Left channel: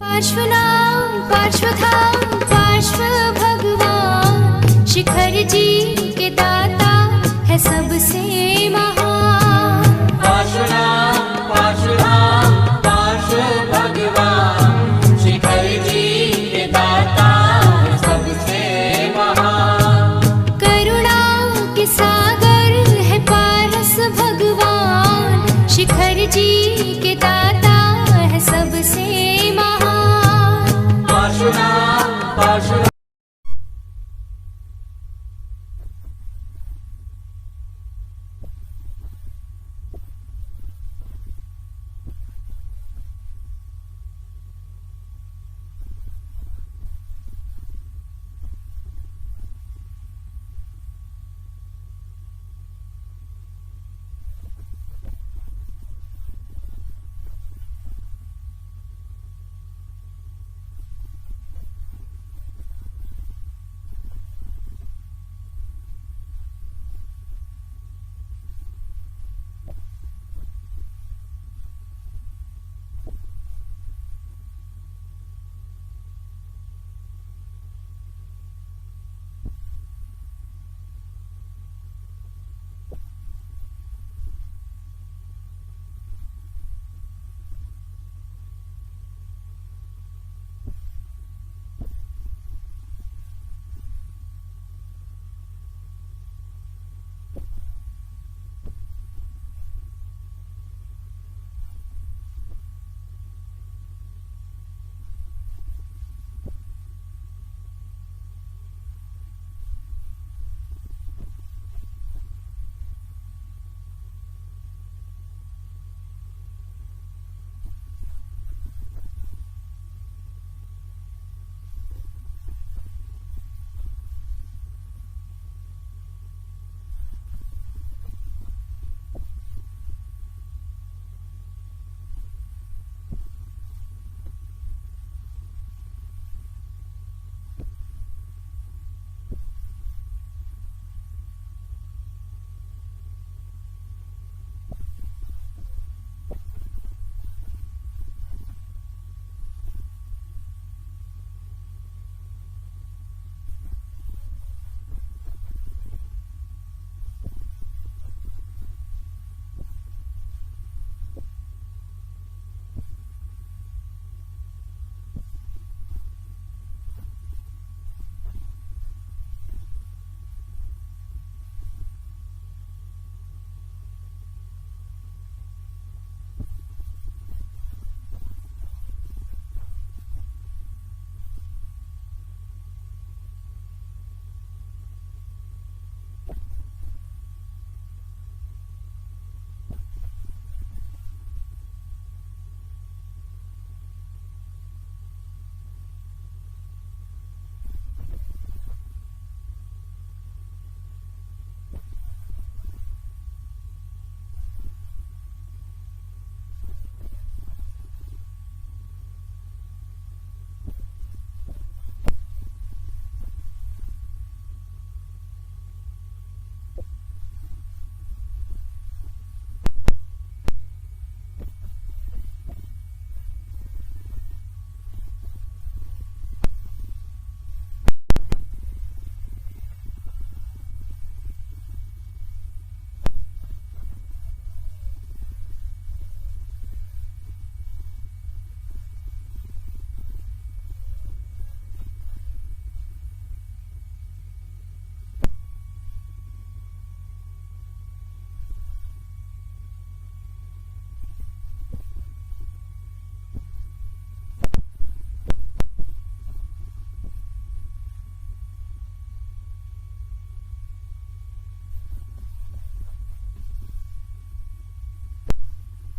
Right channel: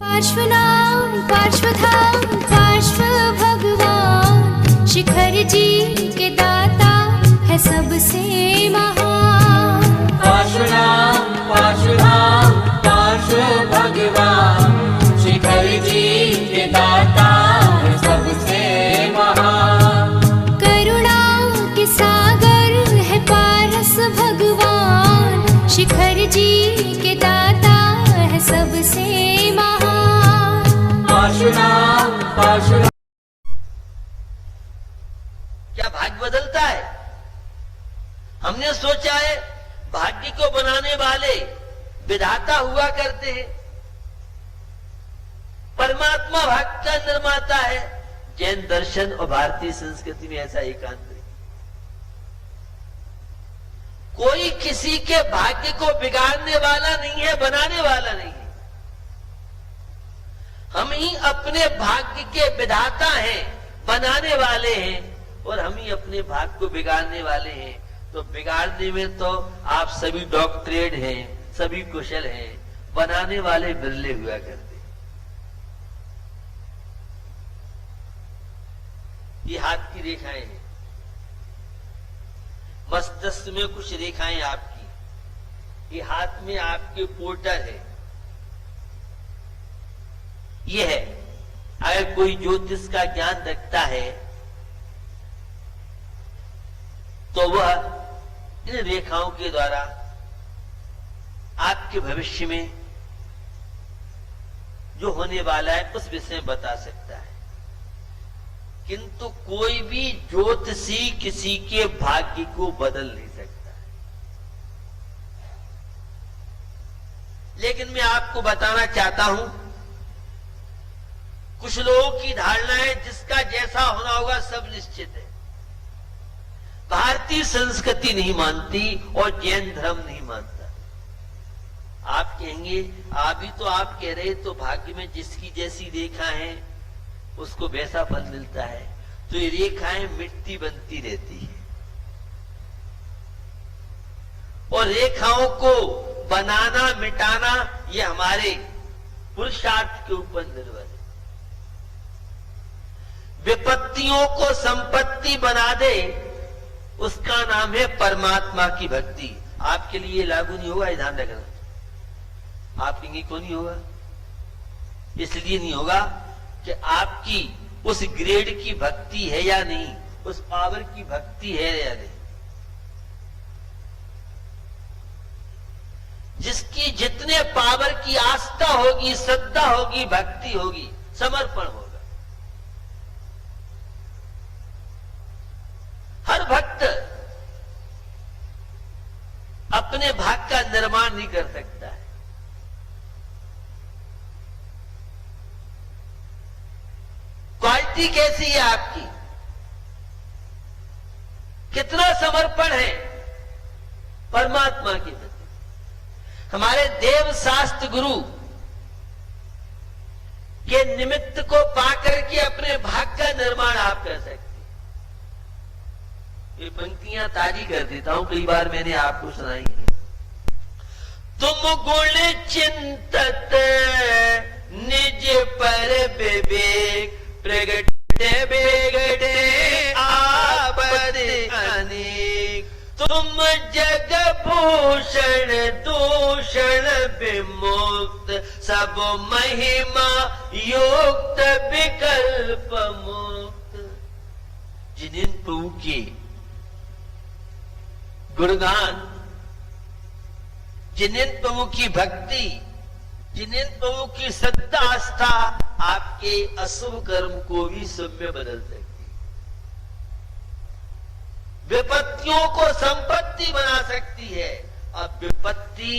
पार्श्वनाम पार्श्वधाम पार्श्व भगवान शिखर जी के दाता है सबसे महान। पार्श्वनाम पार्श्वधाम पार्श्व भगवान शिखर जी के दाता है सबसे महान। करुणा के सागर है पारस भगवान शिखर जी के दाता है सबसे महान। पार्श्वनाम पार्श्वनाम। क्या भाग्य बदलता है? हमने सोचा है भाग्य को बनाने वाले विधाता हुआ करते हैं, परमात्मा भाग्य का निर्माता है। जैन दर्शन और भारतीय संस्कृति में ऐसा एकांत नहीं। कोई किसी के भाग्य को बिगाड़ने वाला नहीं है, बनाने वाला नहीं है। हम ही अपने भाग्य के विधाता हैं, बनाने वाले हैं, और हम ही अपने भाग्य को बिगाड़ने वाले हैं। तो बिगाड़ने में तो आप सभी डॉक्टरेट हैं, सभी कुशल हैं, बनाने वाले बिरले हुआ करते। ये हाथ की रेखाएं हैं, मस्तिष्क में कुछ रेखाएं आपकी, ये हाथ में आपके पोर्टर है। ये है, अगर कोई ज्योतिष का ज्ञान रखता है तो वह इन रेखाओं के द्वारा आपके भविष्य में जो होने वाला है उस विषय में बता सकता है। किंतु कोई भी ज्योतिषी किसी के भाग्य को बदल नहीं सकता। लेकिन मैं आपको बताना चाहता हूं, कुछ लोगों की धारणा है जिसका जैसा होना होगा सब निश्चित है। भारतीय संस्कृति नहीं मानती और जैन धर्म नहीं मानता। आप कहेंगे अभी तो आप कह रहे तो भाग्य में जिसकी जैसी रेखा है उसको वैसा फल मिलता है। तो ये रेखाएं मिटती बनती रहती है और रेखाओं को बनाना मिटाना ये हमारे पुरुषार्थ के ऊपर निर्भर है। विपत्तियों को संपत्ति बना दे उसका नाम है परमात्मा की भक्ति। आपके लिए लागू नहीं होगा, ध्यान रखना। आप कहेंगे क्यों नहीं होगा? इसलिए नहीं होगा कि आपकी उस ग्रेड की भक्ति है या नहीं, उस पावर की भक्ति है या नहीं। जिसकी जितने पावर की आस्था होगी, श्रद्धा होगी, भक्ति होगी, समर्पण होगा। हर भक्त अपने भाग्य का निर्माण नहीं कर सकता है। क्वालिटी कैसी है आपकी? कितना समर्पण है परमात्मा के प्रति? हमारे देव शास्त्र गुरु के निमित्त को पाकर के अपने भाग्य का निर्माण आप कर सकते। ये पंक्तियां ताजी कर देता हूं, कई बार मैंने आपको सुनाई है। तुम गुण चिंतत निज पर विवेक प्रगट बेगड़े आपद अनेक। तुम जग भूषण दूषण विमुक्त सब महिमा युक्त विकल्प मुक्त। जिन प्रभु के गुणगान, जिन प्रभु की भक्ति, जिन प्रभु की श्रद्धा आस्था आपके अशुभ कर्म को भी शुभ में बदल सकती, विपत्तियों को संपत्ति बना सकती है। अब विपत्ति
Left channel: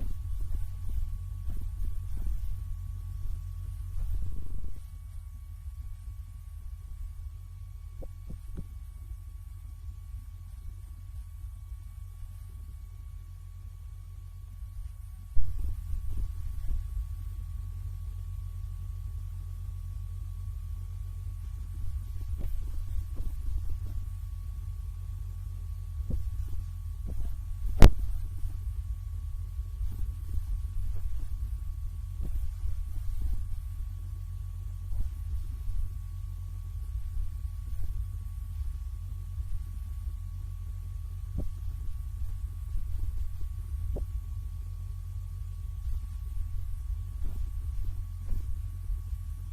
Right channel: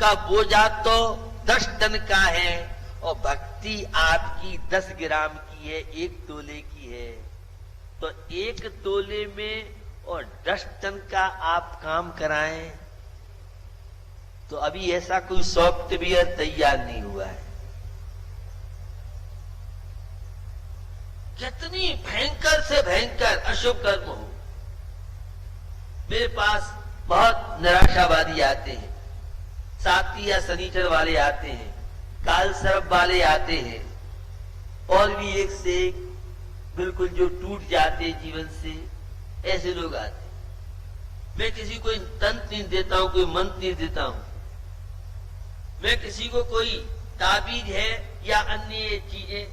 का बोझा तो 10 टन का है और भक्ति आपकी 10 ग्राम की है, 1 तोले की है। तो 1 तोले में और 10 टन का आप काम कराएं तो अभी ऐसा कोई सॉफ्टवेयर तैयार नहीं हुआ है। कितनी भयंकर से भयंकर अशुभ कर्म हो। मेरे पास बहुत निराशावादी आते हैं, साथी या सनीचर वाले आते हैं, लाल सरब वाले आते हैं, और भी एक से एक बिल्कुल जो टूट जाते जीवन से, ऐसे लोग आते। मैं किसी को तंत्र नहीं देता हूं, कोई मंत्र नहीं देता हूं। मैं किसी को कोई ताबीज है या अन्य चीजें,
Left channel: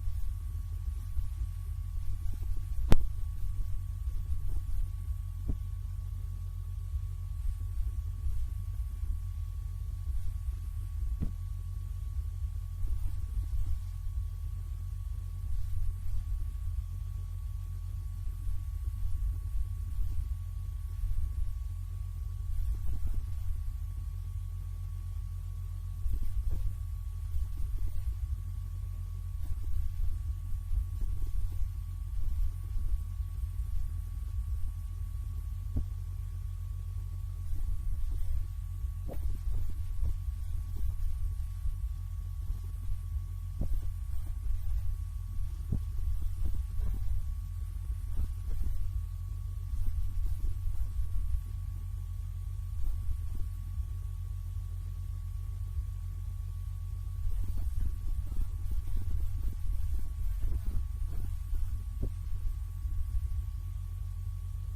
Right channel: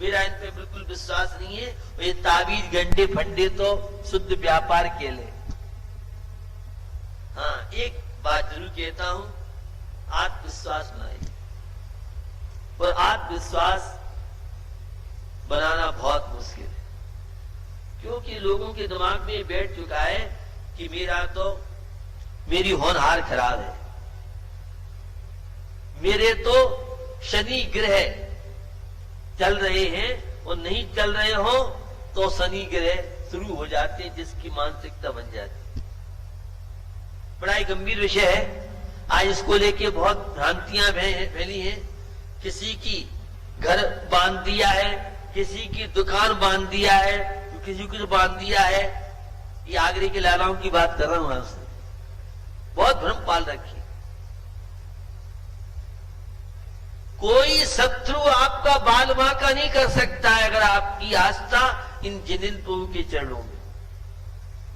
मेरा इन पे बिल्कुल विश्वास नहीं है। ये ताबीज गंडे फंडे तो शुद्ध व्यापार के लिए। हाँ, एक बात जरूर कहता हूं, आत्मविश्वास बनाए, और आत्मविश्वास बनाना बहुत मुश्किल है, क्योंकि लोगों के दिमाग में बैठ चुका है कि मेरी होनहार खराब है, मेरे तो शनि ग्रह चल रहे हैं, और नहीं चल रहे हो तो शनि ग्रह शुरू हो जाते हैं, जिसकी मानसिकता बन जाती है। बड़ा ही गंभीर विषय है। आज इसको लेके बहुत भ्रांतियां फैली हैं। किसी की घर बांध दिया है, किसी की दुकान बांध दिया है, किसी को बांध दिया है। ये आगरे के लालाओं की बात कर रहा हूं आपसे। बहुत भ्रम पाल रखी। कोई शत्रु आपका बाल बांका नहीं कर सकता है, अगर आपकी आस्था इन जिन प्रभु के चरणों में।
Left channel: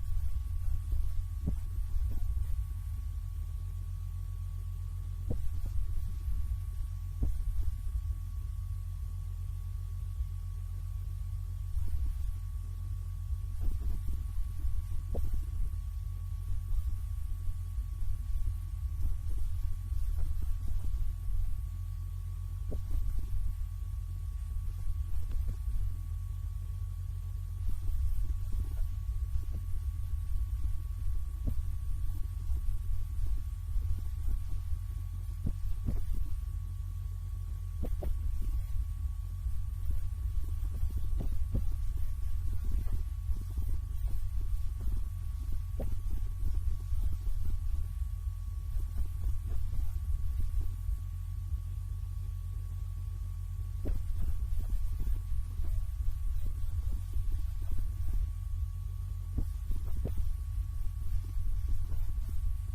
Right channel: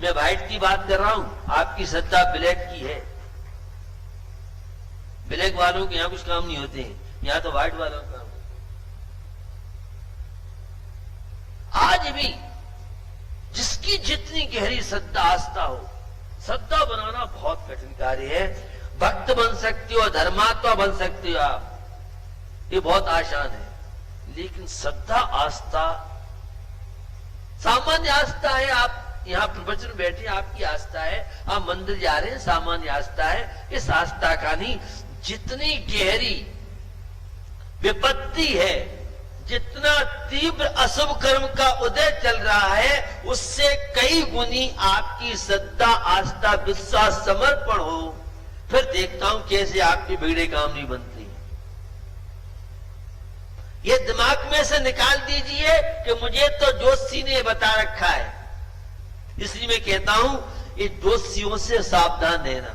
मैं व्हाइट की बात कर रहा हूं, आपकी श्रद्धा ब्लैक की है। ब्लैक वालों के यहां कुछ काम नहीं होते हैं, यहां तो व्हाइट वालों का काम होता है। आज भी जिसकी जितनी गहरी श्रद्धा आस्था हो, श्रद्धा बनाना बहुत कठिन कार्य है। भक्त बन सकते हो, धर्मात्मा बन सकते हो आप, ये बहुत आसान है। लेकिन श्रद्धा आस्था सामान्य आस्था है। आप यहाँ प्रवचन में बैठे, आपकी आस्था है, आप मंदिर जा रहे हैं, सामान्य आस्था है। इस आस्था का नहीं, जितनी गहरी विपत्ति है, जितना तीव्र अशुभ कर्म का उदय चल रहा है, उससे कई गुनी आपकी श्रद्धा आस्था विश्वास समर्पण हो, फिर देखता हूं कैसे आपके बिगड़े काम नहीं बनते। ये दिमाग में से निकाल दीजिए कि मुझे तो जोशी ने बता रखा है, इसलिए मैं कहता हूं ये जोशियों से सावधान रहना।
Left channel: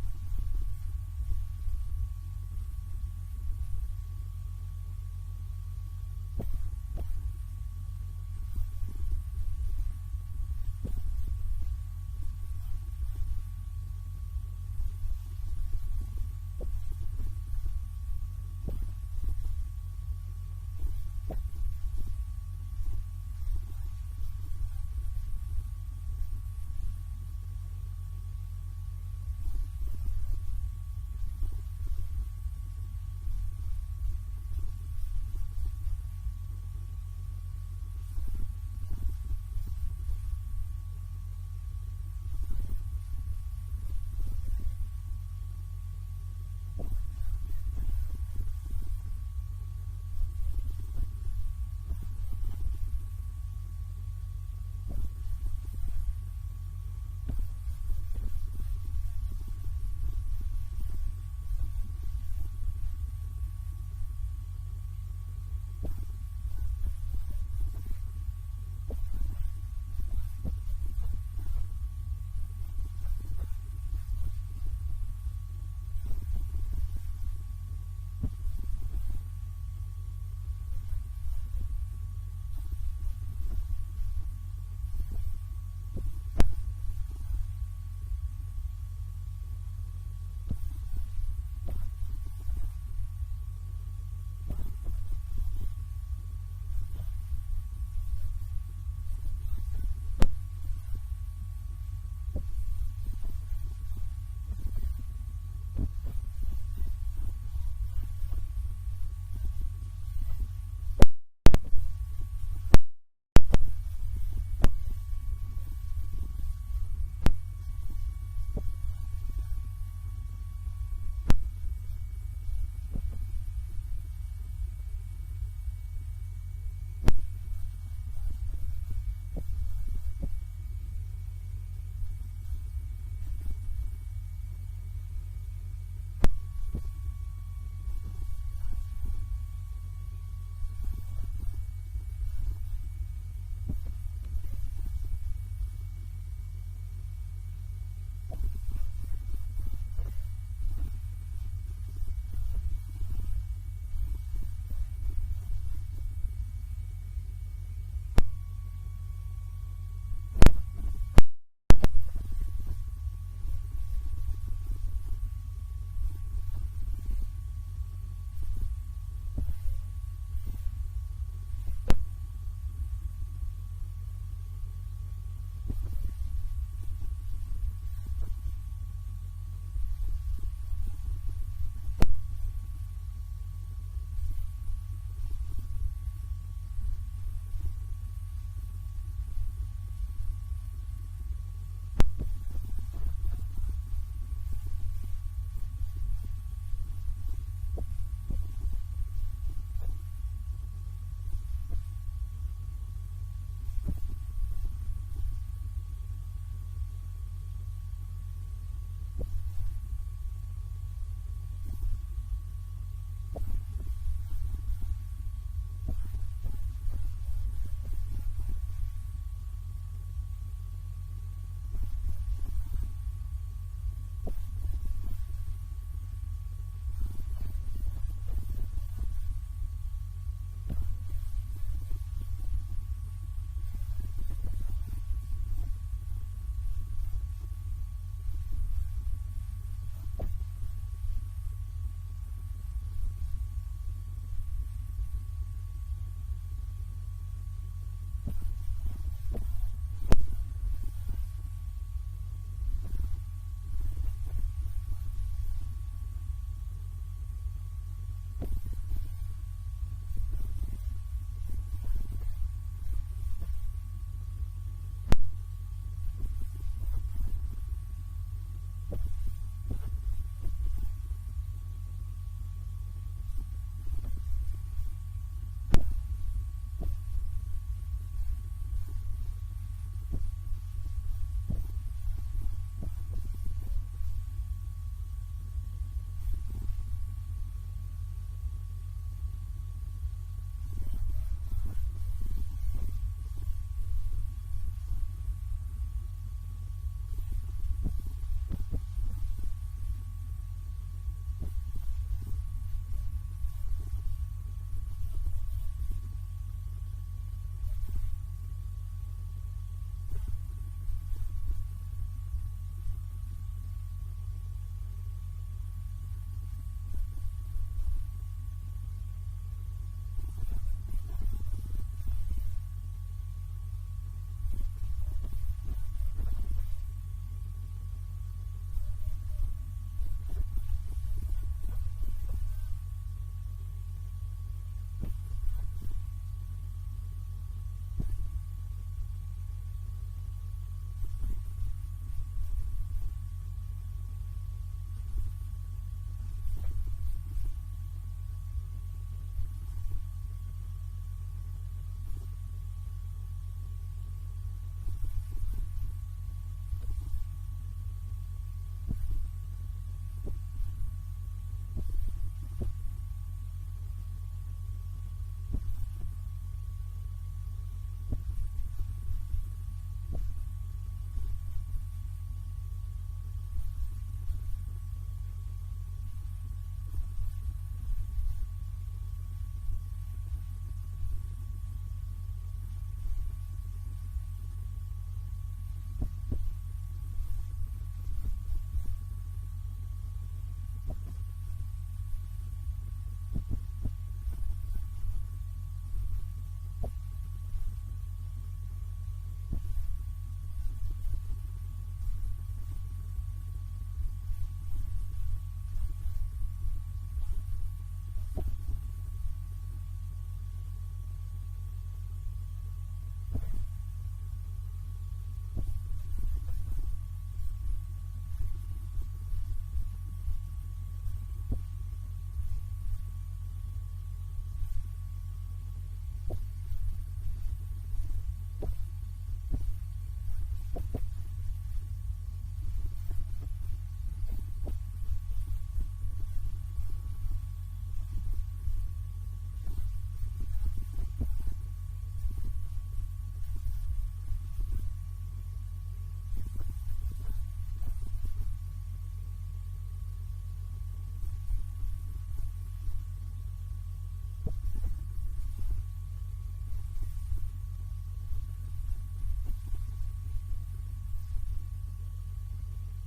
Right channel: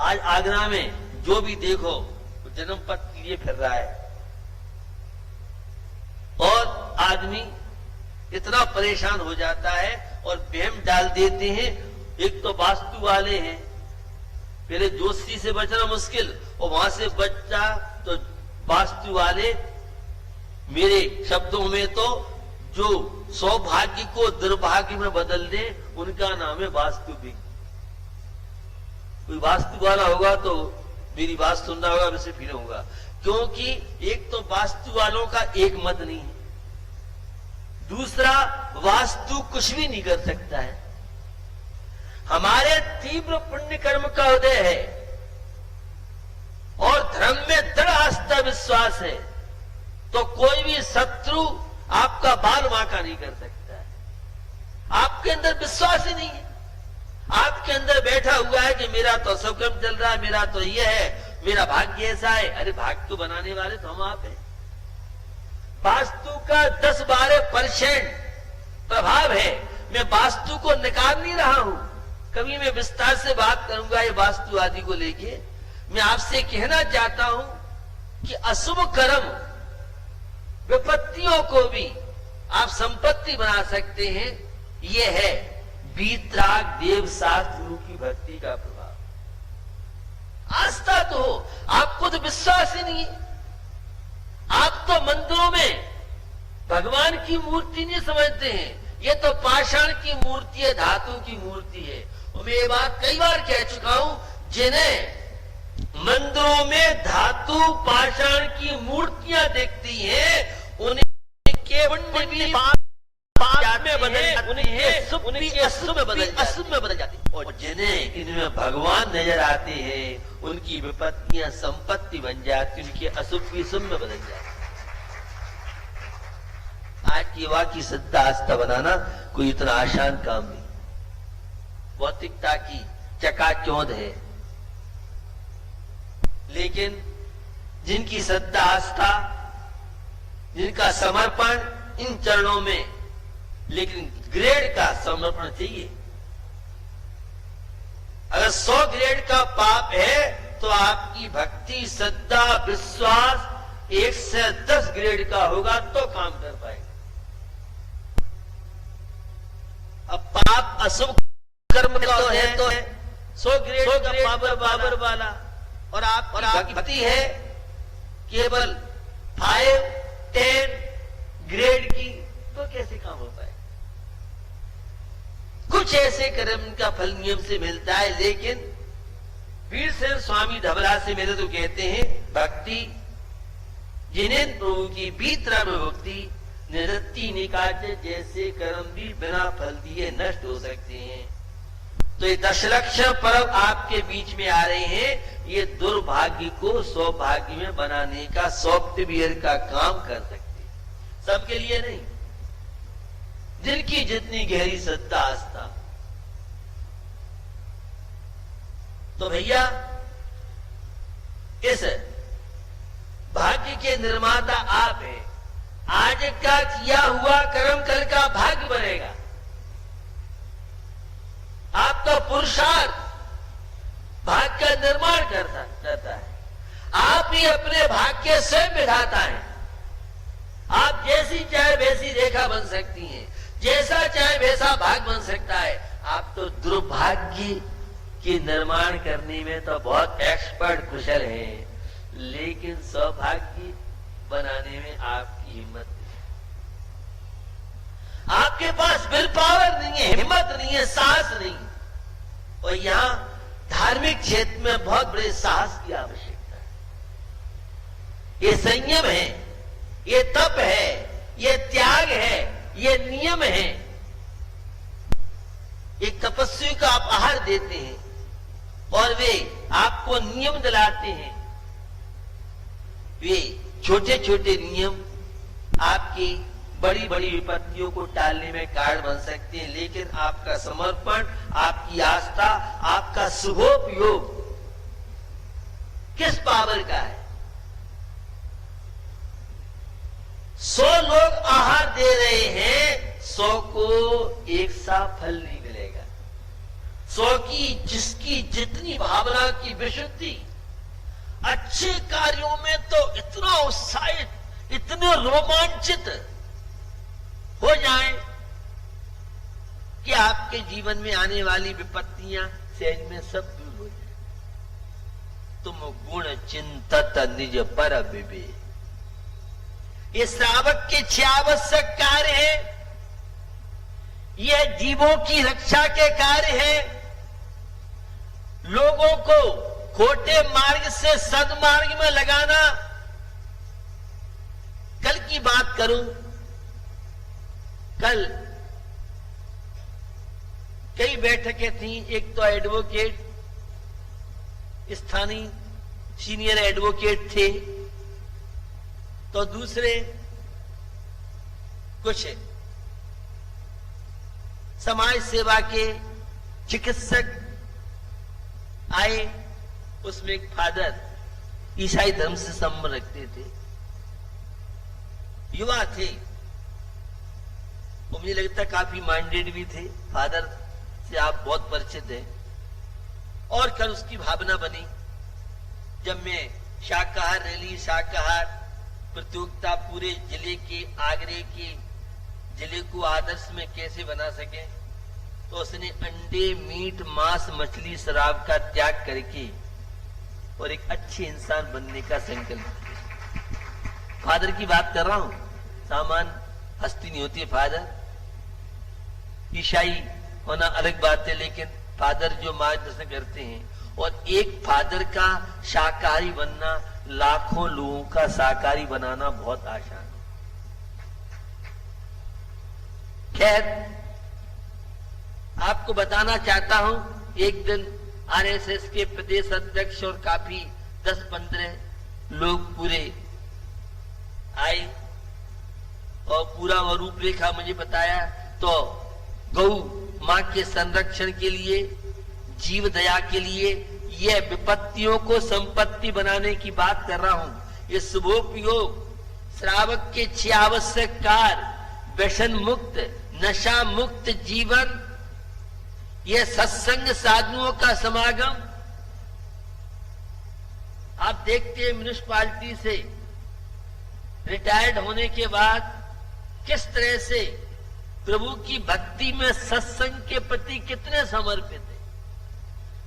आज आगरा में जो भी देखो जन्म पत्र लिए फिर रहा है, और आदमी इतना परेशान हो जाता है और वहम डाल देते हैं। एक तो वास्तु वाले हैं, पहले जोशी से बचना मुश्किल, और वहां से बचा तो वास्तु वाले, मेरे शब्दों में तो जो सौभाग्य को दुर्भाग्य में बदल दे, उनका नाम है वास्तु भी। कोई वास्तु वाला होगा तो मेरी बात सुनना होगा, वैसे फिर होगा, क्योंकि एक तो वास्तु वालों का एक मत नहीं है, दूसरा वास्तु कुछ भी नहीं कर सकता है। हमारे तीव्र पुण्य कर्म का उदय है और धर्म में दृढ़ आस्था विश्वास है, तो कोई भी शत्रु आपका बाल बांका नहीं कर सकता है। आपके अंदर विश्वास ही नहीं है, आपके अंदर बैठा हुआ है कि मेरा तो सब कर्म चल रहा है, मेरा तो ये है, मेरा भाग्य ऐसा है। अरे भाग्य तो बनाने वाले तो हम आप हैं। वास्तु का 10-12% प्रभाव है। मैं वास्तु को निकाल नहीं रहा हूं, कभी मैं विस्तार से बात करूंगा ये वास्तु आदि को लेके। मैं आपसे कहना चाहता हूं कि अशुभ कर्म विपत्तियों को भी आप संपत्ति बना सकते हैं। यह है वीतराग देव शास्त्र की भक्ति का प्रभाव। आस्था तो हो, आपको तो विश्वास ही नहीं है। आप तो मंदिरों में भगवान की मूर्ति नहीं समझते हैं, ये तो पाषाण की मूर्ति है, धातु की मूर्ति है। और मैं ये बात कई बार कह चुका हूं, जिन्हें मंदिरों में धातु पाषाण की मूर्तियां दिखती हैं, उनके पुण्य भी अशुभ में बदल जाती है। और जिन्हें इनमें भगवान नजर आते हैं, उनकी विपत्तियां संपत्ति बन जाती, उनके अशुभ भी शुभ में बदल जाती। आज की युवा की श्रद्धा आस्था बनाना कोई इतना आसान काम नहीं। भौतिकता की चकाचौंध है, लेकिन जिनकी श्रद्धा आस्था, जिनका समर्पण इन चरणों में, लेकिन ग्रेड का समर्पण चाहिए। अगर 100 ग्रेड का पाप है तो आपकी भक्ति, श्रद्धा, विश्वास 1 से 10 ग्रेड का होगा तो काम कर पाएगा। अब पाप अशुभ कर्म का तो है 100 ग्रेड का पावर वाला, और आपकी भक्ति है केवल 5, 10 ग्रेड की, तो कैसे काम हो पाए? कुछ ऐसे कर्म का फल नियम से मिलता है, लेकिन वीरसेन स्वामी ढबरा से मेरे तो कहते हैं भक्ति जिन्हें प्रभु की भीतर भक्ति निरत्ती निकाज, जैसे कर्म भी बिना फल दिए नष्ट हो सकते हैं। तो ये दशलक्षण पर्व आपके बीच में आ रहे हैं, ये दुर्भाग्य को सौभाग्य में बनाने का सॉफ्टवेयर का काम कर सकते हैं। सबके लिए नहीं, जिनकी जितनी गहरी श्रद्धा आस्था। तो भैया इस भाग्य के निर्माता आप हैं। आज का किया हुआ कर्म कल का भाग्य बनेगा। आपका पुरुषार्थ भाग्य का निर्माण करता है। आप ही अपने भाग्य से बिठाता है। आप जैसी चाहे वैसी रेखा बन सकती हैं, जैसा चाहे वैसा भाग बन सकता है। आप तो दुर्भाग्य के निर्माण करने में तो बहुत एक्सपर्ट कुशल हैं, लेकिन सौभाग्य बनाने में आपकी हिम्मत नहीं। आपके पास विल पावर नहीं है, हिम्मत नहीं है, साहस नहीं। और यहां धार्मिक क्षेत्र में बहुत बड़े साहस की आवश्यकता है। ये संयम है, ये तप है, ये त्याग है, ये नियम है। एक तपस्वी को आप आहार देते हैं और वे आपको नियम दिलाते हैं। वे छोटे छोटे नियम आपकी बड़ी बड़ी विपत्तियों को टालने में कारण बन सकते हैं, लेकिन आपका समर्पण, आपकी आस्था, आपका शुभोपयोग किस पावर का है? 100 लोग आहार दे रहे हैं, 100 को एक सा फल नहीं मिलेगा। 100 की जिसकी जितनी भावना की विशुद्धि, अच्छे कार्यों में तो इतना उत्साहित, इतने रोमांचित हो जाए कि आपके जीवन में आने वाली विपत्तियां सहज में सब दूर हो जाए। तुम गुण चिंतत निज पर विवेक, ये श्रावक के 6 आवश्यक कार्य है। ये जीवों की रक्षा के कार्य है। लोगों को खोटे मार्ग से सदमार्ग में लगाना। कल की बात करूं, कल कई बैठकें थी। एक तो एडवोकेट, स्थानीय सीनियर एडवोकेट थे, तो दूसरे कुछ समाज सेवा के चिकित्सक आए। उसमें एक फादर ईसाई धर्म से संबंध रखते थे, युवा थे, मुझे लगता काफी माइंडेड भी थे। फादर से आप बहुत परिचित हैं। और कल उसकी भावना बनी, जब मैं शाकाहार रैली, शाकाहार प्रतियोगिता पूरे जिले के, आगरे के जिले को आदर्श में कैसे बना सके, तो उसने अंडे, मीट, मांस, मछली, शराब का त्याग करके और एक अच्छे इंसान बनने का संकल्प किया। फादर की बात कर रहा हूं, सामान हस्ती नहीं होती है। फादर ईसाई होना अलग बात है, लेकिन फादर जो मार्गदर्शन करते हैं, और एक फादर का शाकाहारी बनना लाखों लोगों का शाकाहारी बनाना बहुत आसान है। खैर, आपको बताना चाहता हूं, एक दिन आरएसएस के प्रदेश अध्यक्ष और काफी 10-15 लोग पूरे आए और पूरा वह रूपरेखा मुझे बताया। तो गौ मां के संरक्षण के लिए, जीव दया के लिए, यह विपत्तियों को संपत्ति बनाने की बात कर रहा हूं। ये शुभोपयोग, श्रावक के 6 आवश्यक कार्य, व्यसन मुक्त, नशा मुक्त जीवन, यह सत्संग साधुओं का समागम, आप देखते हैं म्युनिसिपालिटी से रिटायर्ड होने के बाद किस तरह से प्रभु की भक्ति में, सत्संग के प्रति कितने समर्पित है।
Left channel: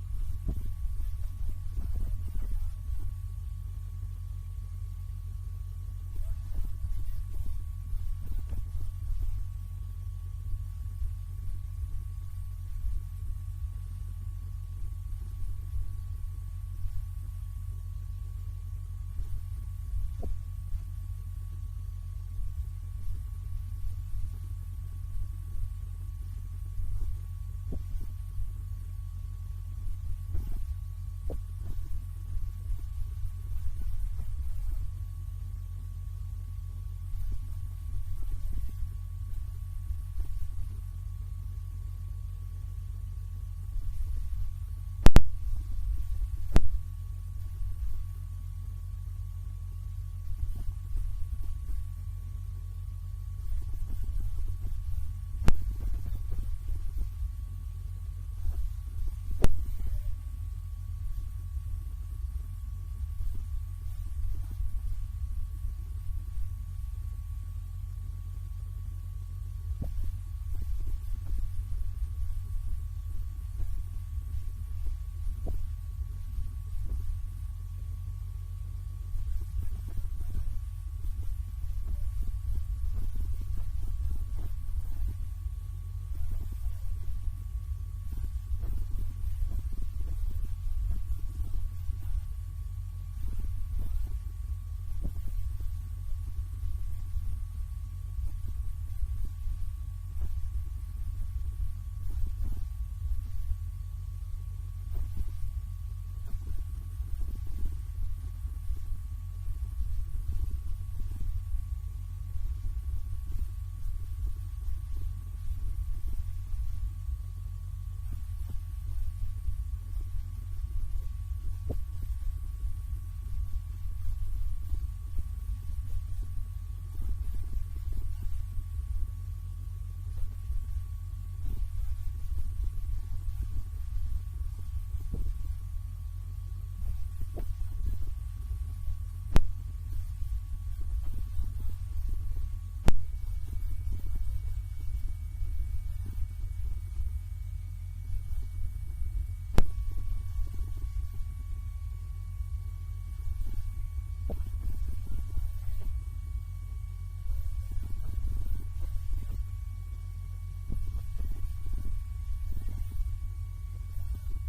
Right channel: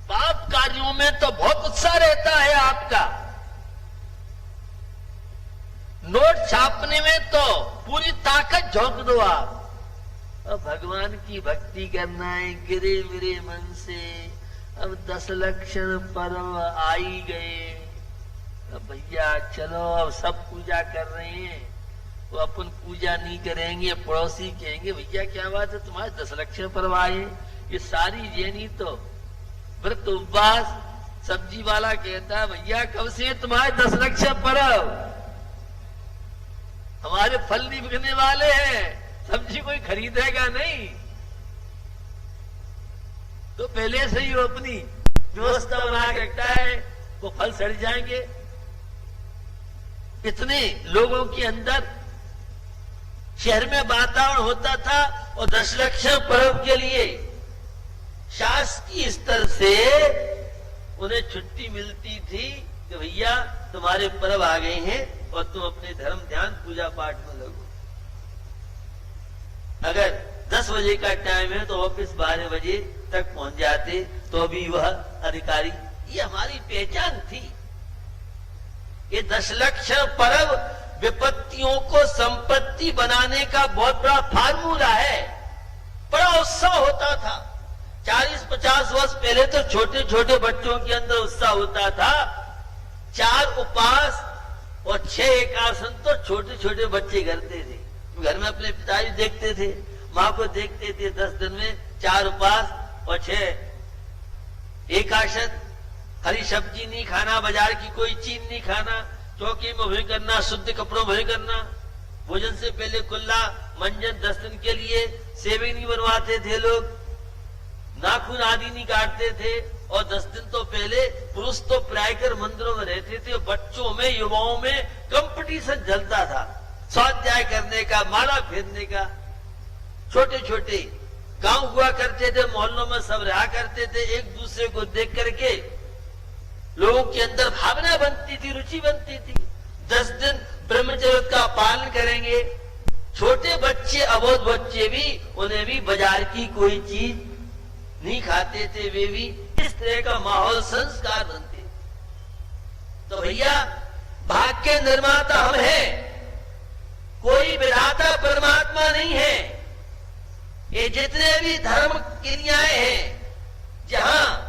पाप कार्यों में तो बहुत उत्साह रहता है आपका, नोट छापने में तो पूरी ताकत झोंक दो आप। अब भगवान की भक्ति करना है गिरे मेरे मन से। अब 10 लक्षण पर्व आ ही गए। अब भैया चलो, अब सब पूजा कर रहे हैं, वो अपन पूजा नहीं करेंगे। पड़ोसी कहेंगे भैया क्या बात है, तुम्हारे 10 लक्षण पर्व आए। ये सारी जैनी तो व्रत उपवास। सब्जी वाला कहता है भैया कब से तुम्हारे 10 लक्षण पर्व, हमारे फल नहीं बिकने वाले हैं, सब्जी कोई खरीदेगा नहीं। तो पहले से ही वो अपनी व्यवस्था बना के रखता है, वो फल सड़ जाएंगे। इतने लोगों के अंदर शहर में वातावरण होता था, और 10 लक्षण पर्व के लिए शासकीय स्तर से उन्हें छुट्टी मिलती थी कि भैया तुम्हारे पर्व आ गए हैं और तुम अपने धर्म ध्यान पूजा पाठ में लगो। अगर 10 बजे का टाइम है तो ऑफिस 12 बजे तक पहुंच जाते, तो भी वह अधिकारी, ये हमारी पहचान थी। ये 10 लक्षण पर्व विपत्तियों को संपत्ति बनाने का बहुत बड़ा फार्मूला है। बड़ा उत्साह होता था। 40-50 वर्ष पहले तो छोटे छोटे बच्चों के अंदर उत्साह होता था। 4 उपवास और 6 एकादशी तो छोटे छोटे बच्चे करते थे। घर में अपने पिताजी देखते थे, माँ को देखते थे। 10 दिन में 4 उपवास और 6 एकादशी। हरी सब्जी नहीं खाना, बाजार की कोई चीज नहीं खाना, चौकी में भोजन करना, शुद्ध कपड़ों में भोजन करना, भोजन से पहले कुल्ला मंजन 10 दिन के लिए सेवे नहीं बनवाते थे लोग, नाखून आदि नहीं काटते थे। और 10 दिन तो पहले पुरुष तो प्रायकर मंदिरों में रहते थे। बच्चों में, युवाओं में कंपटीशन चलता था, स्वाध्याय करने का, माला फेरने का। छोटे छोटे गांव हुआ करते थे, मोहल्लों में सब रहा करते थे। एक दूसरे को देख करके लोगों के अंदर भावना बनती थी, रुचि बनती थी। 10 दिन ब्रह्मचर्य का पालन करेंगे। छोटे बच्चे, अबोध बच्चे भी, उन्हें भी बाजार की कोई चीज नहीं खाते थे। वे भी इस तरह का माहौल, संस्कार बनते। तो भैया भाग्य के निर्माता हम हैं, कोई विधाता परमात्मा नहीं है। ये जितने भी धर्म क्रियाएं हैं जहां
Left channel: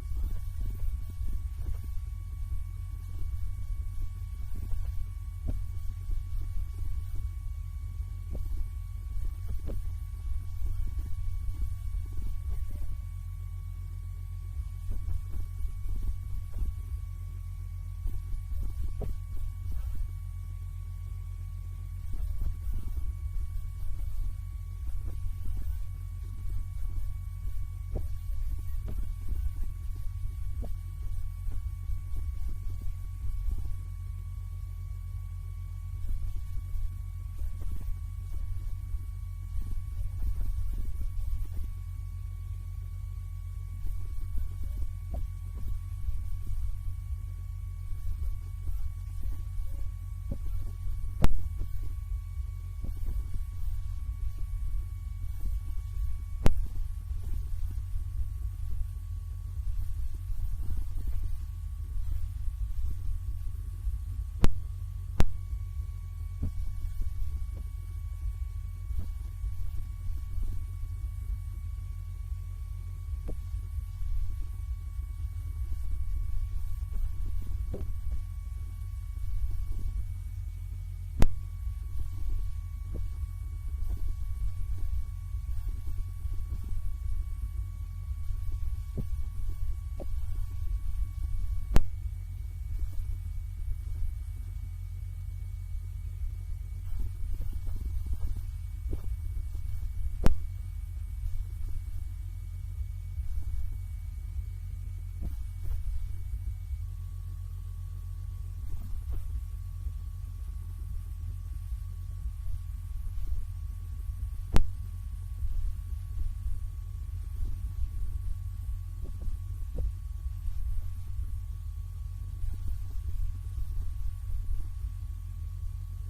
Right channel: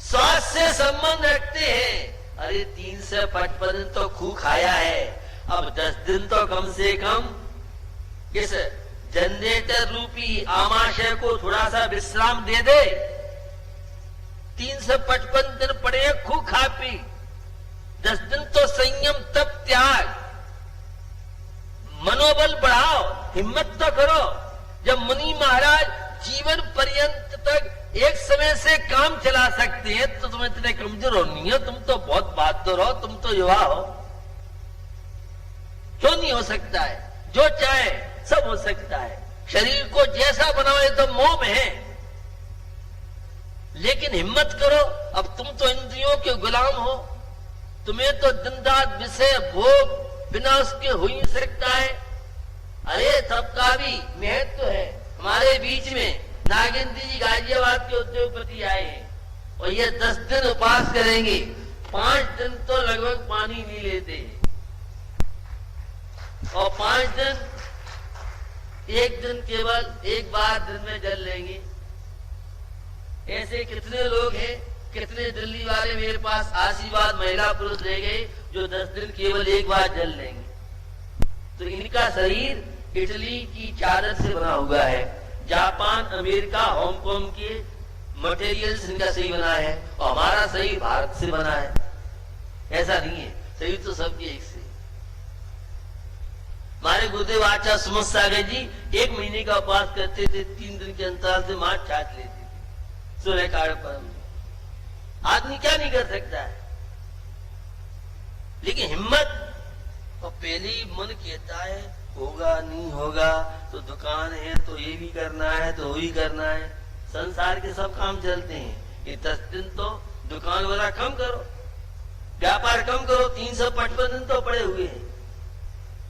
स्वास्थ्य से संबंध रखते हैं, अरे 3 से 55 दिन तो खूब खाया है, अब 10 दिन तो कम से कम इस जनरेटर रूपी आमाशय को थोड़ा सा विश्राम दे दे। 3 से 55 दिन पड़े खूब खा पी, 10 दिन तो संयम तप त्याग, मनोबल बढ़ाओ, हिम्मत तो करो। जब मुनि महाराज जीवन पर्यंत तक एक समय से काम चला सकते हैं, तो तुम इतने कमजोर हो नहीं हो, तुम तो बहुत बहादुर हो, तुम तो युवा हो। क्यों नहीं हो सकता है? जो चाहे सब हो सकता है। शरीर को जैसा बनाओ तो मोह में है, लेकिन हिम्मत करो। अब तुम तो इंद्रियों के गुलाम हो, तुम्हें तो दिन रात विषय भोग बिना उसके हो ही सकता है। अरे सबका भी महत्व है। हमारे बीच में नागेंद्र जी गाजियाबाद के उद्योगपति आए हैं, और ये 10 दिन उपवास करेंगे। 5 दिन तो लगभग पानी नहीं लेते, और 5 दिन, एक दिन केवल एक बार दिन में जल लेंगे। ऐसे कितने लोग हैं, कितने दिल्ली वाले मेरे पास आशीर्वाद महिला पुरुष रह गए जो 10 दिन केवल एक बार जल लेंगे। तो इनका शरीर इटली की चादर से बना हुआ है। जापान, अमेरिका, हांगकांग के मटेरियल्स इनका सही बना है, और हमारा शरीर भारत से बना है। ऐसा नहीं है, शरीर तो सबके एक से। हमारे गुरुदेव आचार्य सुमत सागर जी 1 महीने का उपवास करते थे, 3 दिन के अंतराल से मां छाट लेते थे सूर्य काल पर। आदमी क्या नहीं कर सकता है, लेकिन हिम्मत। और पहले ही मन कहता है होगा नहीं होगा, तो दुकान है तो ये भी करना है, तो वो भी करना है। संसार के सब काम चलते हैं। ये 10 दिन तो दुकान वाला कम करो, व्यापार कम करो, 355 दिन तो पड़े हुए हैं।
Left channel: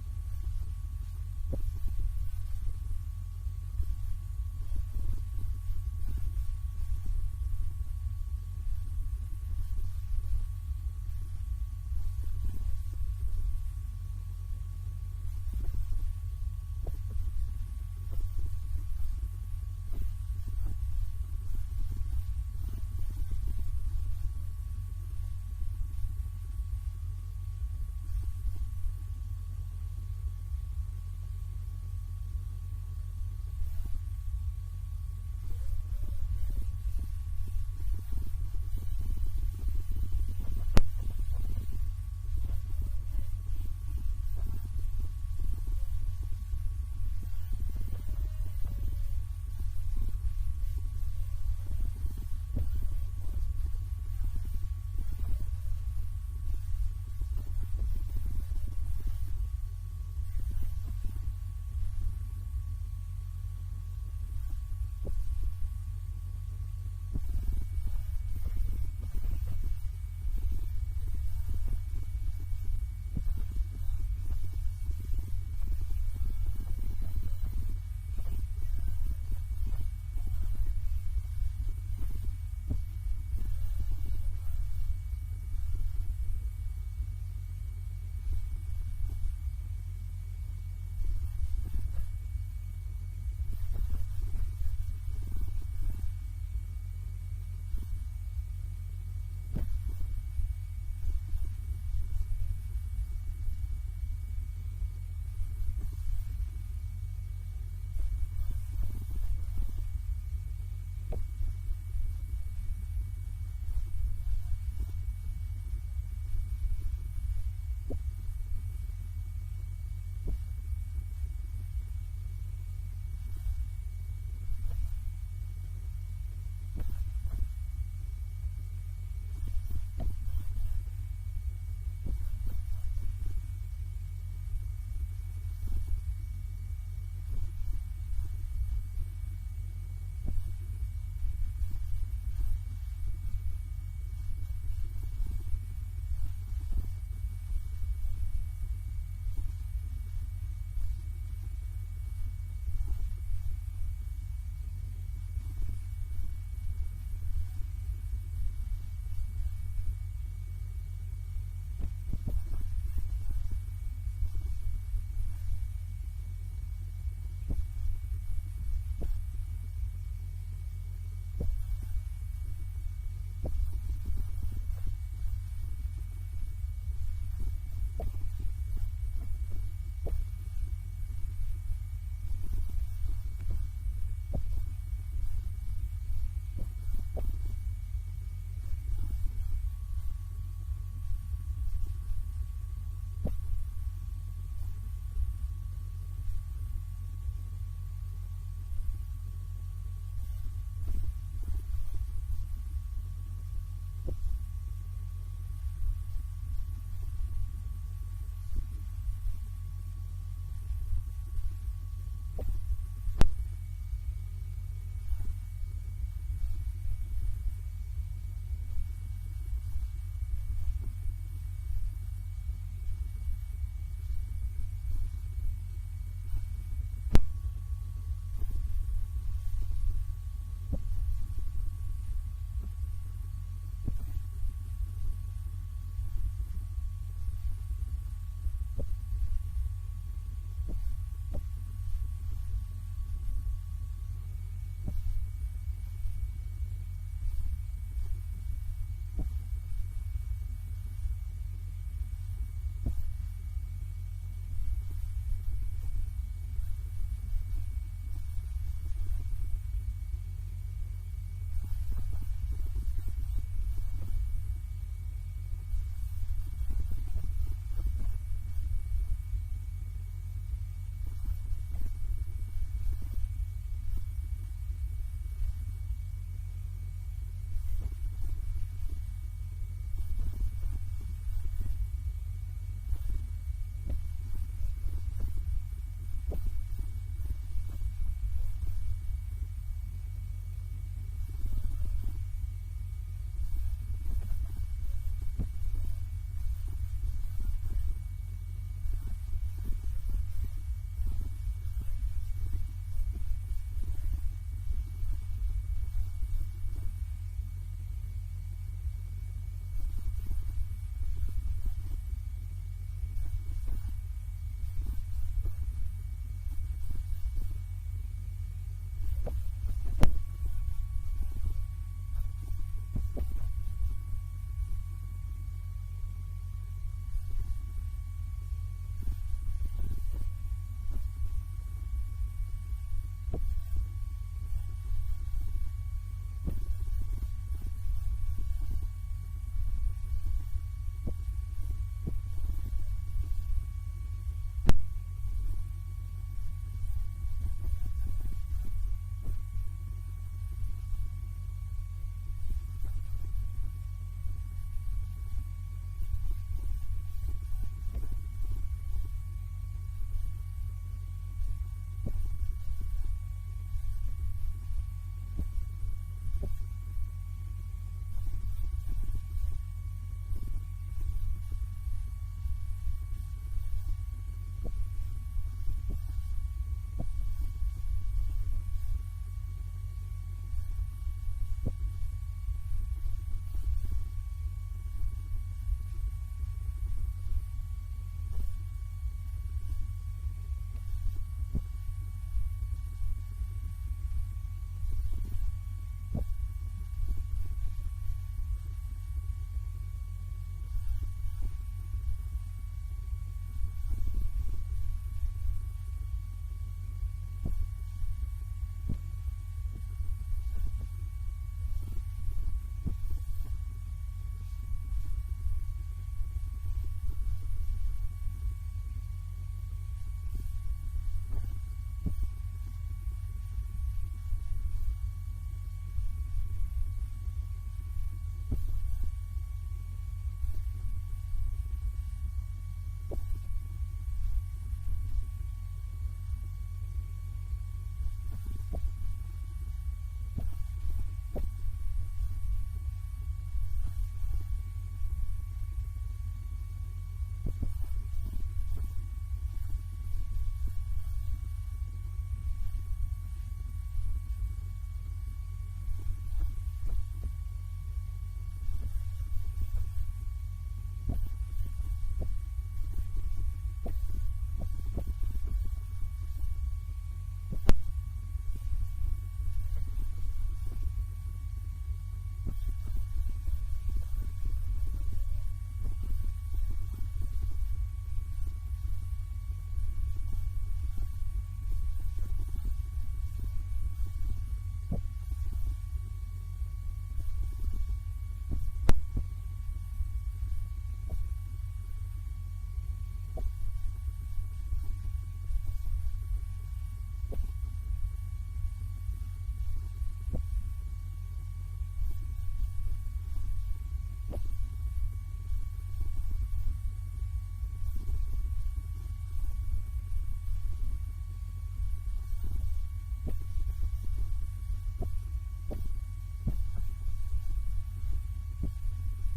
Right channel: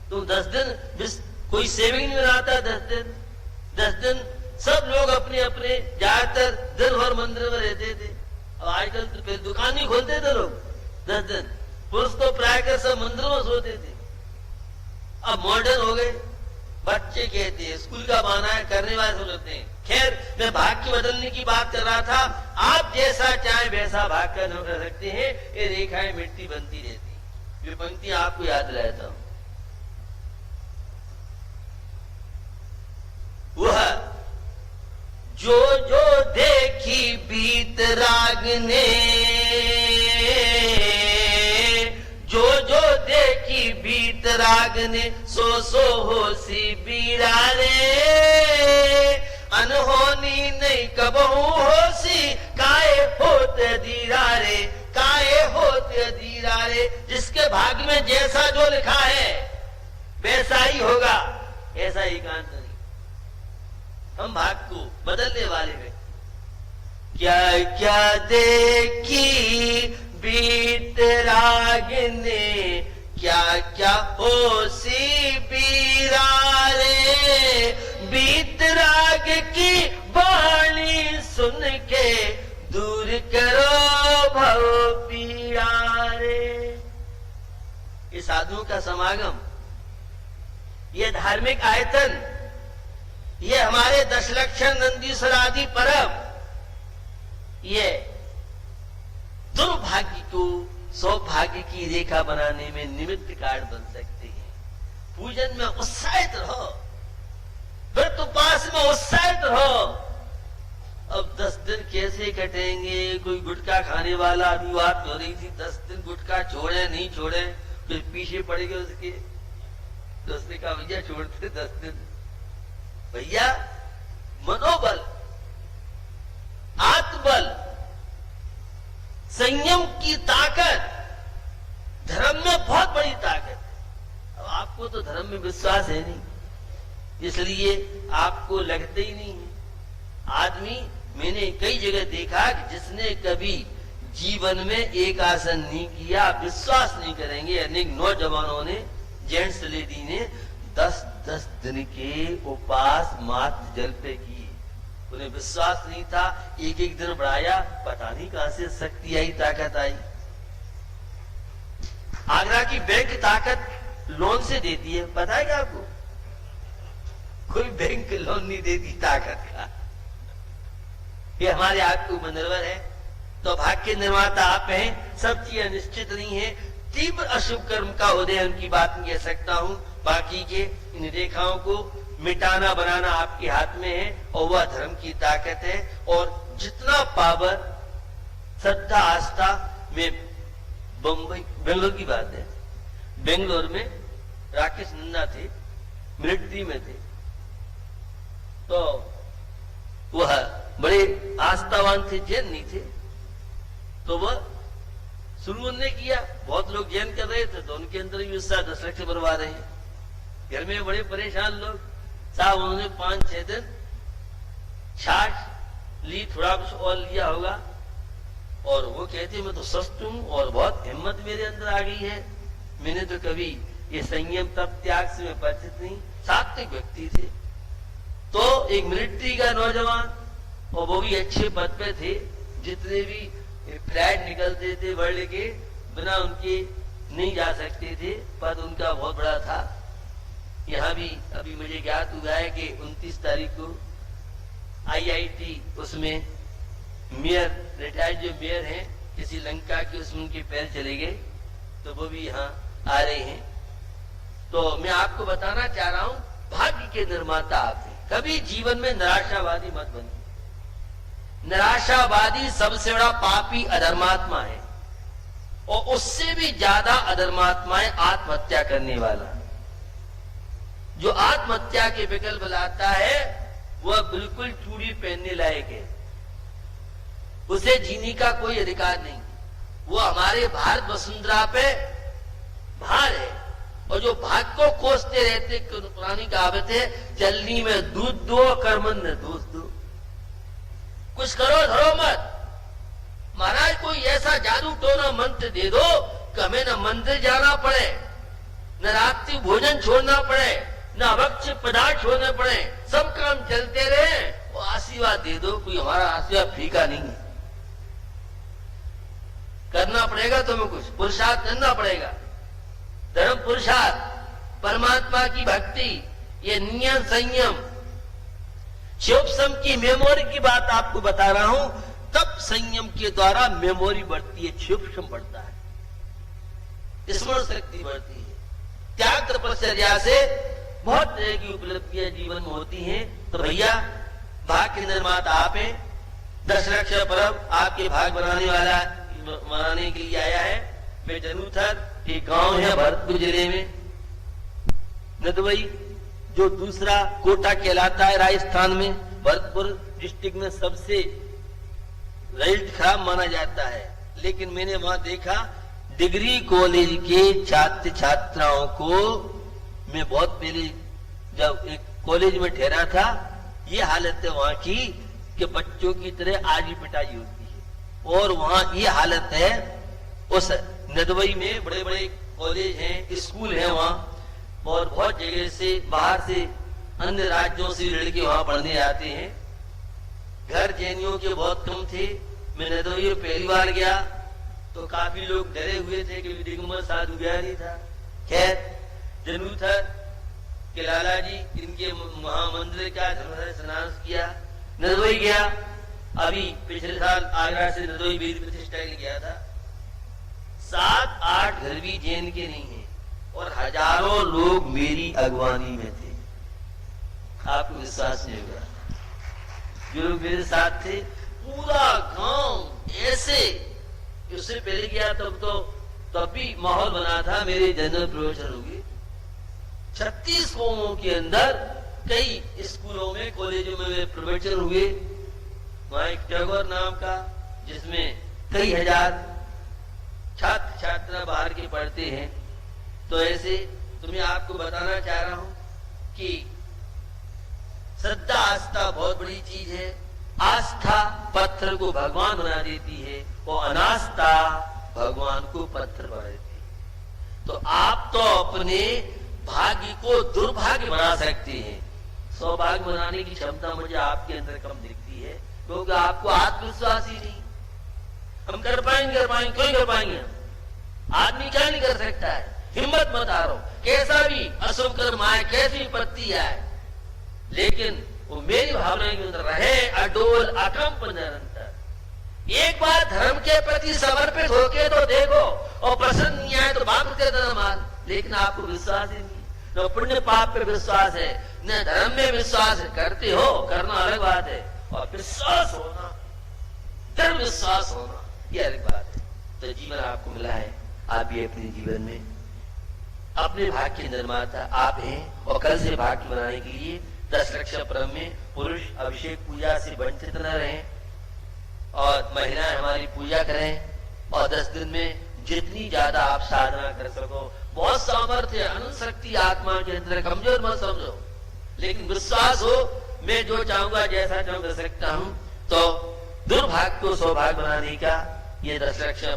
तुम 10 दिन कोई सेविंग नहीं बनाता, 10 दिन सब लोग अपने अपने ज्यादातर दिन भर मंदिर में रहते थे। अब आजकल तो फिर दुकान ही खोलते थे लोग 10 दिन। पुरुष तो प्रायः सब मंदिरों में सोते थे। अब मॉडर्न हो गए, बच्चे कहते हैं स्कूल का बहाना है, करने वाले समझते हैं। खैर, मैं भाग की बदलने की बात कर रहा था। आप जैसा चाहे वैसा भाग कर सकते हैं। ये रेखाएं मिट्टी बनती रहती। ये पंक्ति आपको याद रहता हूं। वह जो जो देखी बीत राग ने, जो जो देखी बीत राग ने, सो सो होसी बीरा रे। अनहोनी नहीं कबहू होसी, काए होत धीरा रे, काए होत धीरा रे। जिसके भाग्य में जैसा जो लिखा है वैसा ही होगा, ऐसा ही कांत नहीं। हम भाग को बदलने वाले हैं। क्या क्या देखी बीत राग ने, क्या क्या होसी बीरा रे। बीत राग की वाणी सुन के, दूर करो भव पीड़ा रे। ये साधुओं का समागम, ये धार्मिक आयतन, ये हमारे दशलक्षण नंदीश्वर आदि परब, ये दुर्भाग्य को सौभाग्य की रेखा बनाने में निमित्त कार्ड बन सकते हैं। पूजन में उत्साहित रहो, व्रत उपास में उत्साहित रहो। अब 10 दिन कैसे कटेंगे? कोई गुटखा खाने वाला अभी बात हो रही थी, 10 दिन गुटखा छोड़े नहीं छोड़े, फिर पीछे पड़ गए उसके। तो उसने कहा भैया छोड़ते 10 दिन। भैया मनोबल, आत्मबल, संयम की ताकत धर्म में बहुत बड़ी ताकत है। अब आपको तो धर्म में विश्वास है नहीं, इसलिए आपको लगते ही नहीं है। आदमी, मैंने कई जगह देखा कि जिसने कभी जीवन में एक आसन नहीं किया, विश्वास नहीं करेंगे, अनेक नौजवानों ने, जेंट्स लेडी ने 10 दिन के उपास मात्र जल पे किए। उन्हें विश्वास नहीं था, एक एक दिन बढ़ाया, पता नहीं कहां से शक्ति आई, ताकत आई। आगरा की बैंक ताकत लोन से देती है, पता है क्या आपको? कोई बैंक लोन नहीं देती ताकत का। ये हमारे आपको मनोरवर है। तो भाग्य के निर्माता आप हैं। सब चीजें निश्चित नहीं है। तीव्र अशुभ कर्म का उदय उनकी बात नहीं कह सकता हूं। बाकी के इन रेखाओं को मिटाना बनाना आपके हाथ में है, और वह धर्म की ताकत है। और जितना पावर, श्रद्धा, आस्था में बेंगलोर की बात है। बेंगलोर में राकेश नंदा थे, मिलिट्री में थे, तो वह बड़े आस्थावान थे, जैन नहीं थे। तो वह शुरू उन्होंने किया, बहुत लोग जैन कर रहे थे, तो उनके अंदर भी उत्साह 10 लाख से भरवा रहे हैं। घर में बड़े परेशान लोग, साहब उन्होंने 5-6 दिन छाछ ली, थोड़ा कुछ और लिया होगा, और वो कहते मैं तो स्वस्थ हूं और बहुत हिम्मत मेरे अंदर आ गई है। मैंने तो कभी ये संयम तप त्याग से मैं परिचित नहीं। सात्विक व्यक्ति थे। तो एक मिलिट्री का नौजवान, और वो भी अच्छे पद पे थे, जितने भी फ्लाइट निकलते थे वर्ल्ड के, बिना उनके नहीं जा सकते थे, पद उनका बहुत बड़ा था। यहाँ भी अभी मुझे ज्ञात हुआ है कि 29 तारीख को IIT उसमें मेयर, रिटायर्ड जो मेयर हैं किसी लंका के, उसमें उनके पैर चले गए, तो वो भी यहाँ आ रहे हैं। तो मैं आपको बताना चाह रहा हूं, भाग्य के निर्माता आप हैं। कभी जीवन में निराशावादी मत बनिए। निराशावादी सबसे बड़ा पापी अधर्मात्मा है, और उससे भी ज्यादा अधर्मात्मा है आत्महत्या करने वाला। जो आत्महत्या के विकल्प लाता है वह बिल्कुल चूड़ी पहनने लायक है, उसे जीने का कोई अधिकार नहीं। वो हमारे भारत वसुंधरा पे भार है, और जो भाग को कोसते रहते, पुरानी कहावत है, चलनी में दूध दो, कर्मन में दूध दो। कुछ करो धरो मत। महाराज कोई ऐसा जादू टोना मंत्र दे दो कि हमें न मंदिर जाना पड़े, न रात्रि भोजन छोड़ना पड़े, न अभक्ष्य पदार्थ छोड़ने पड़े, सब काम चलते रहे। वो आशीर्वाद दे दो, कोई हमारा आशीर्वाद फीका नहीं है। करना पड़ेगा तुम्हें, कुछ पुरुषार्थ करना पड़ेगा। धर्म पुरुषार्थ, परमात्मा की भक्ति, ये नियम संयम, शिवसम की मेमोरी की बात आपको बता रहा हूं। तब संयम के द्वारा मेमोरी बढ़ती है, शिवसम बढ़ता है, स्मरण शक्ति बढ़ती है। त्याग तपस्या से बहुत तरह की उपलब्धियां जीवन में होती हैं। तो भैया, भाग के निर्माता आप हैं। दशरक्षा पर्व आपके भाग बनाने के लिए आया है। मैं जरूर एक गांव है भरतपुर जिले में, नदवई, जो दूसरा कोटा कहलाता है राजस्थान में। भरतपुर डिस्ट्रिक्ट में सबसे रिजल्ट खराब माना जाता है, लेकिन मैंने वहां देखा डिग्री कॉलेज के छात्र छात्राओं को, मैं बहुत पहले जब एक कॉलेज में ठहरा था, ये हालत है वहां की कि बच्चों की तरह आज भी पिटाई होती है। और वहां ये हालत है, उस नदवई में बड़े बड़े कॉलेज हैं, स्कूल हैं वहां, और बहुत जगह से बाहर से अन्य राज्यों से लड़के वहां पढ़ने आते हैं। घर जैनियों के बहुत कम थे। मैं नदवई पहली बार गया तो काफी लोग डरे हुए थे कि दिगंबर साधु बिहारी था। खैर, जरूर कि लाला जी इनके महामंदिर का धर्मधर स्नान किया। नदवई गया, अभी पिछले साल आगरा से नदवई वेद प्रतिष्ठा के लिए गया था। 7-8 घर भी जैन के नहीं है, और हजारों लोग मेरी अगवानी में थे। आपको विश्वास नहीं होगा, जो लोग मेरे साथ थे, पूरा गांव ऐसे। उससे पहले गया तब भी माहौल बना था। मेरे जनरल प्रवचन हुए 36 कौमों के अंदर, कई स्कूलों में, कॉलेजों में प्रवचन हुए। वहां एक टैगोर नाम का, जिसमें कई हजार छात्र छात्रा बाहर के पढ़ते हैं। तो ऐसे तुम्हें आपको बताना चाह रहा हूं कि श्रद्धा आस्था बहुत बड़ी चीज है। आस्था पत्थर को भगवान बना देती है, और अनास्था भगवान को पत्थर बना देती है। तो आप तो अपने भाग्य को दुर्भाग्य बना सकते हैं। सौभाग्य बनाने की क्षमता मुझे आपके अंदर कम दिखती है, क्योंकि आपको आत्मविश्वास ही नहीं। हम कर पाएंगे क्यों कर पाएंगे? आदमी क्या नहीं कर सकता है? हिम्मत मत हारो, कैसा भी अशुभ कर्म आए, कैसी विपत्ति आए, लेकिन वो मेरी भावना के अंदर रहे, अडोल अकंप निरंतर। एक बार धर्म के प्रति समर्पित होके तो देखो, और प्रसन्न नहीं आए तो बाप के तरह मार। लेकिन आपको विश्वास ही नहीं, न पुण्य पाप पे विश्वास है, न धर्म में विश्वास है। करते हो, करना अलग बात है, और विश्वास होना, दृढ़ विश्वास होना, ये अलग बात है। तो जीवन आपको मिला है, आप भी अपने जीवन में अपने भाग्य के निर्माता आप हैं। और कल से भाग्य बनाने के लिए दशरक्षा पर्व में पुरुष अभिषेक पूजा से वंचित न रहें, और महिलाएं हमारी पूजा करें। और 10 दिन में जितनी ज्यादा आप साधना कर सको, बहुत सामर्थ्य अनंत शक्ति आत्मा के अंदर, कमजोर मत समझो, लेकिन विश्वास हो, मैं जो चाहूंगा जैसा चाहूं कर सकता हूं। तो दुर्भाग्य को सौभाग्य बनाने का ये दशरक्षा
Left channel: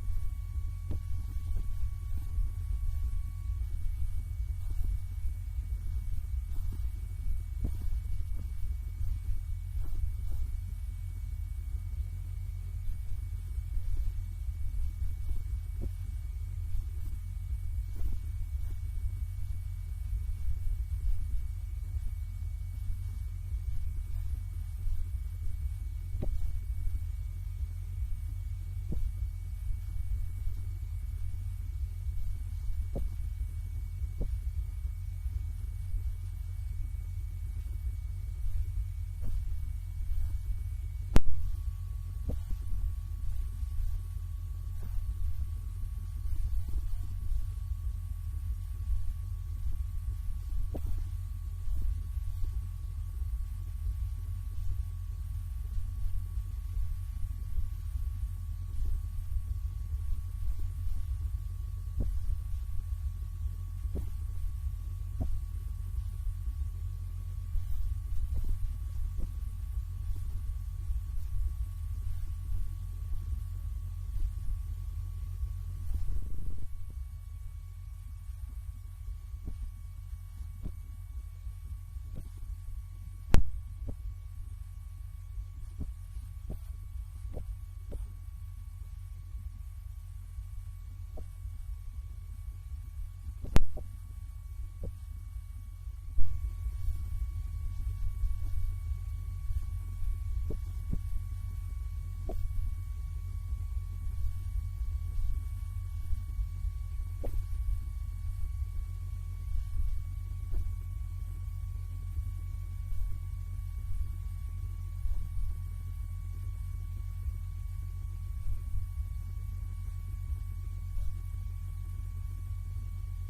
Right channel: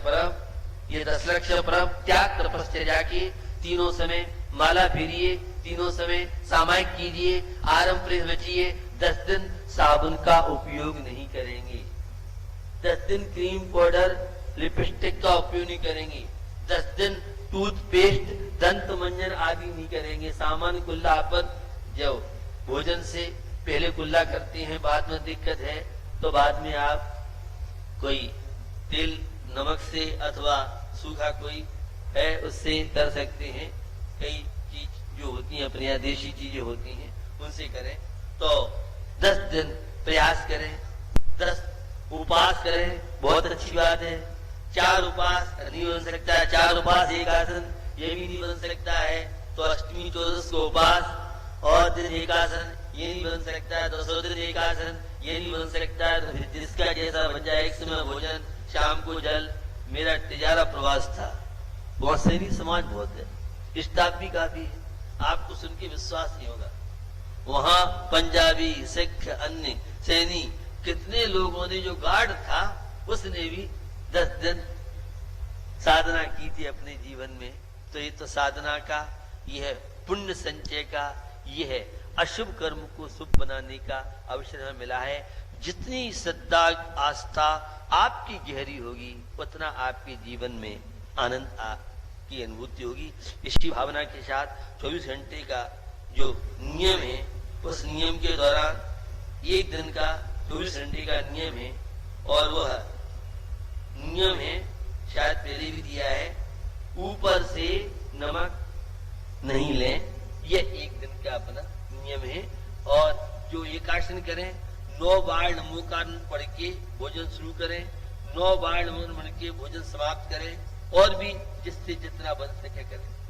पर्व त्याग तपस्या की तीनों समय माला फेरिए, तीनों समय सामायिक कीजिए, आरंभ बचिए। 10 दिन साबुन का उपयोग नहीं करेंगे, 10 दिन क्रीम पाउडर लिपस्टिक का उपयोग नहीं करेंगे, 10 दिन टूथपेस्ट दंत मंजन आदि नहीं करेंगे। सामान्य कुल्ला पर जो भोजन से पहले कुल्ला करते हैं, बाद में दिक्कत है तो बाद में आप कोई तेल नमक से अथवा सूखा कोई है उससे कर सकते हैं। कई चीज जो होती है अपने यहाँ देशी चीजें होती हैं उनसे करें। तो 10 दिन प्रयास करें, 10 उपवास करें, बहुत अच्छी बात है। 4 उपवास नहीं बन सकता है, 4 उपवास एक आसन ये भी नहीं बन सकता है, तो अष्टमी 14 को उपवास और दिन एक आसन ये नहीं बन सकता है, 10 दिन एक आसन ये नहीं बन सकता है। तो जिसका जैसा बन जाए, एक समय भोजन, शाम को जल। मेरा तिजारा प्रवास था, बहुत सैनिक समाज बहुत है, स्टाफ भी काफी है, आपको सुन के विश्वास नहीं होगा। वहां पंजाबी, सिख, अन्य सैनिक कितने लोगों ने, जो गार्ड था उसने भी 10 दिन साधना की थी अपने जीवन में, तो ये तो साधना का, यह पुण्य संचय का, यह है अशुभ कर्म को शुभ बनाने का अवसर हमें मिला है। जितनी श्रद्धा आस्था आपकी गहरी होगी उतना आपके जीवन में आनंद की अनुभूति होगी। इसी भावना के साथ 24 घंटे का जो नियम है, उस नियम के दौरान एक दिन का 24 घंटे का नियम है, और वह नियम है, शायद पहले भी दिया है, ऊपर से नमक नहीं लें। यह एक दिन का अपना नियम है। और जो एकासन करें, 9 बार नमोकार पढ़ के भोजन शुरू करें, 9 बार नमो पढ़ के भोजन समाप्त करें, और भी जिससे जितना बन सके करें।